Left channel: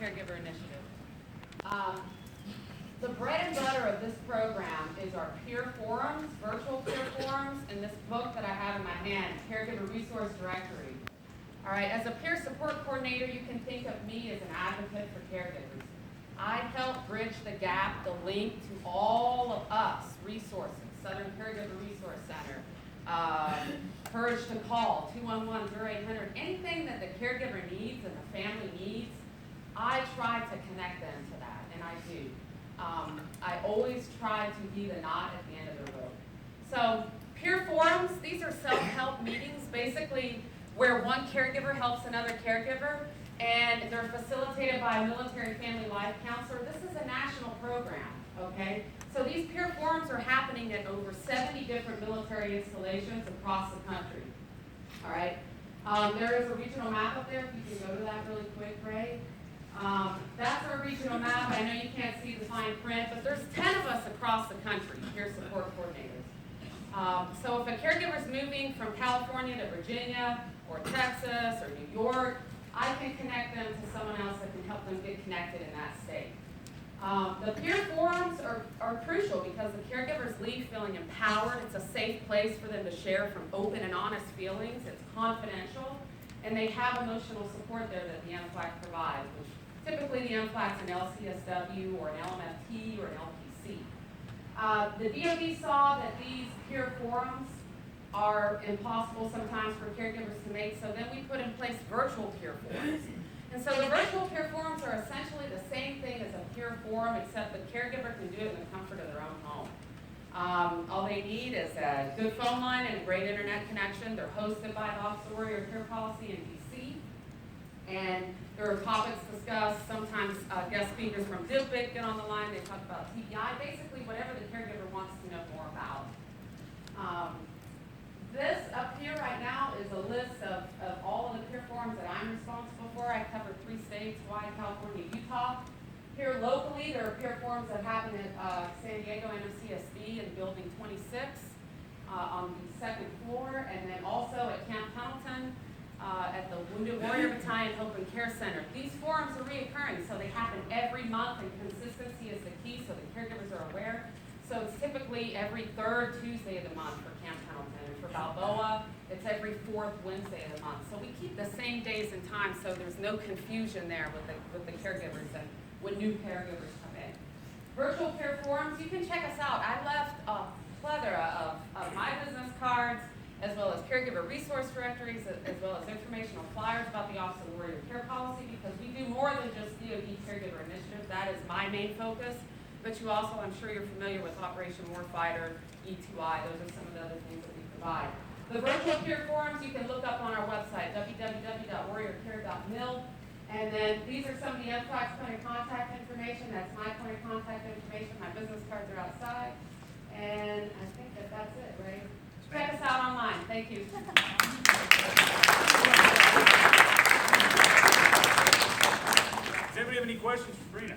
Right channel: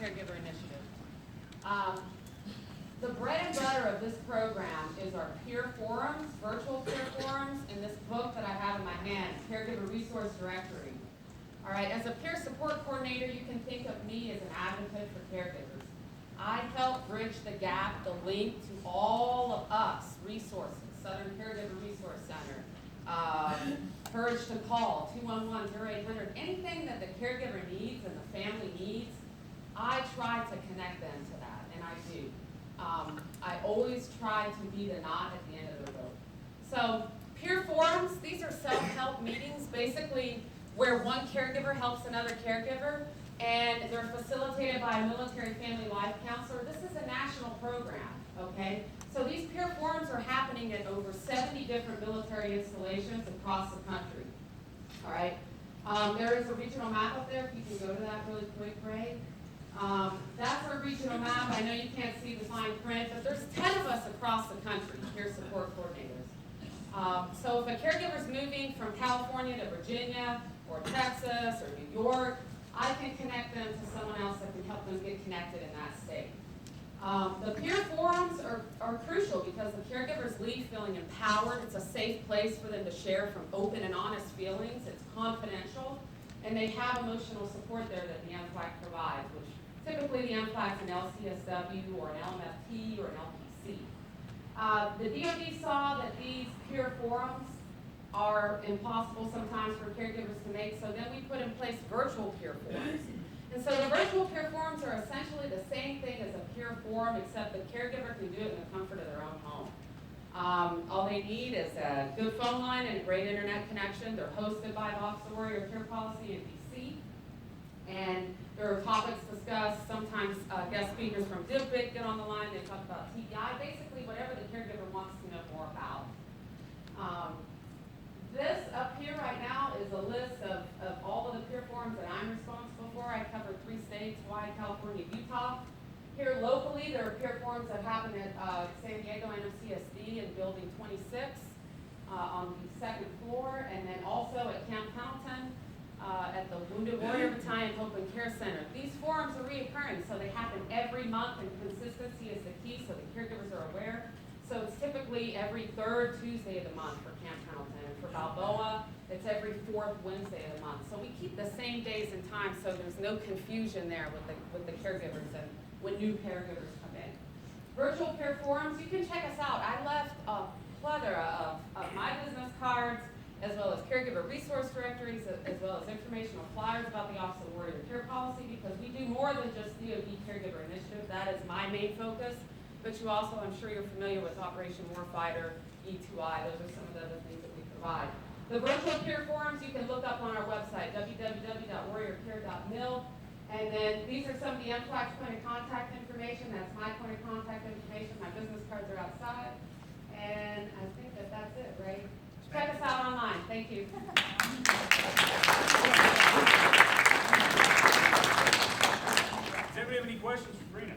Caregiver Initiative. The bread and butter of this program is our peer forums, virtual peer forums, and this book that I have in my hand, Caregiver Resource Directory. All right, as a peer support coordinator, you can think of me as an advocate for caregivers. I help bridge the gap, the link to all of us, resources, Southern Caregiver Resource Center, Courage to Call, 211-0800, anything that the caregiver needs and the family needs, I try to connect them to that, and I do. I always try to be the knot at the end of their rope. So peer forums, these are self-help meetings, basically where one caregiver helps another caregiver, and they're facilitated by a military family life counselor. This is a national program, okay? So these peer forums are happening at over 70 different military installations across the country, all right? There is a regional map up there, if you can go to that really quick, Ray. That's our regional map. I know you can't see the fine print, but there's 10 of us across the country, peer support coordinators. So if a caregiver is moving from California to Virginia or Texas or New York, I can connect them to someone else that can help them get connected in that state. The peer forums are crucial because the caregivers leave feeling empowered. It's a safe place for them to share from open and honest feelings. It's confidential, and they have emotional support there that the NFLAC provides, which typically the NFLAC is an LCSW or an LMFT or an LPC. The DoD saw that these peer forums are impossible sometimes for caregivers to make, so then we put in place virtual peer forums. And so the virtual peer forums are essentially the same thing as a peer forum, except the caregiver can do it in the comfort of their own home. All they need is a good phone line and a great internet connection. They're hosted by the Office of Warrior Care Policy in DC. And there are topics discussed. Sometimes guest speakers from DIPIC get on the line. They talk about TBI, basically whatever the caregiver wants to know more about. This up here right now is a list of all of the peer forums that I'm responsible for. I cover 3 states, Hawaii, California, Utah. Here locally, there are peer forums that happen at San Diego MCSD in Building 26 on the 2nd floor, and then also at Camp Pendleton at the Wounded Warrior Battalion Hope and Care Center. These forums are reoccurring, so they happen every month, and consistency is the key, so the caregivers are aware. So it's typically every 3rd Tuesday of the month for Camp Pendleton, and for Balboa, it's every 4th Wednesday of the month. So we keep the same days and times, so there's no confusion there with the caregivers and when new caregivers come in. Virtual care forums, you can check us out. I left a plethora of my business cards, as well as caregiver resource directories, as well as informational flyers about the Office of Warrior Care Policy, because we do more than just DoD Caregiver Initiative. That is my main focus. But you also, I'm sure you're familiar with Operation Warfighter, E2I. Those are some of the other things that we provide. The virtual peer forums you can look up on our website, www.warriorcare.mil. And then these are some of the NFLAC's point of contact information. That's my point of contact information. My business cards are outside. And I think that's it, right? Check us out online. Thank you. Does anybody have any questions for Sabrina?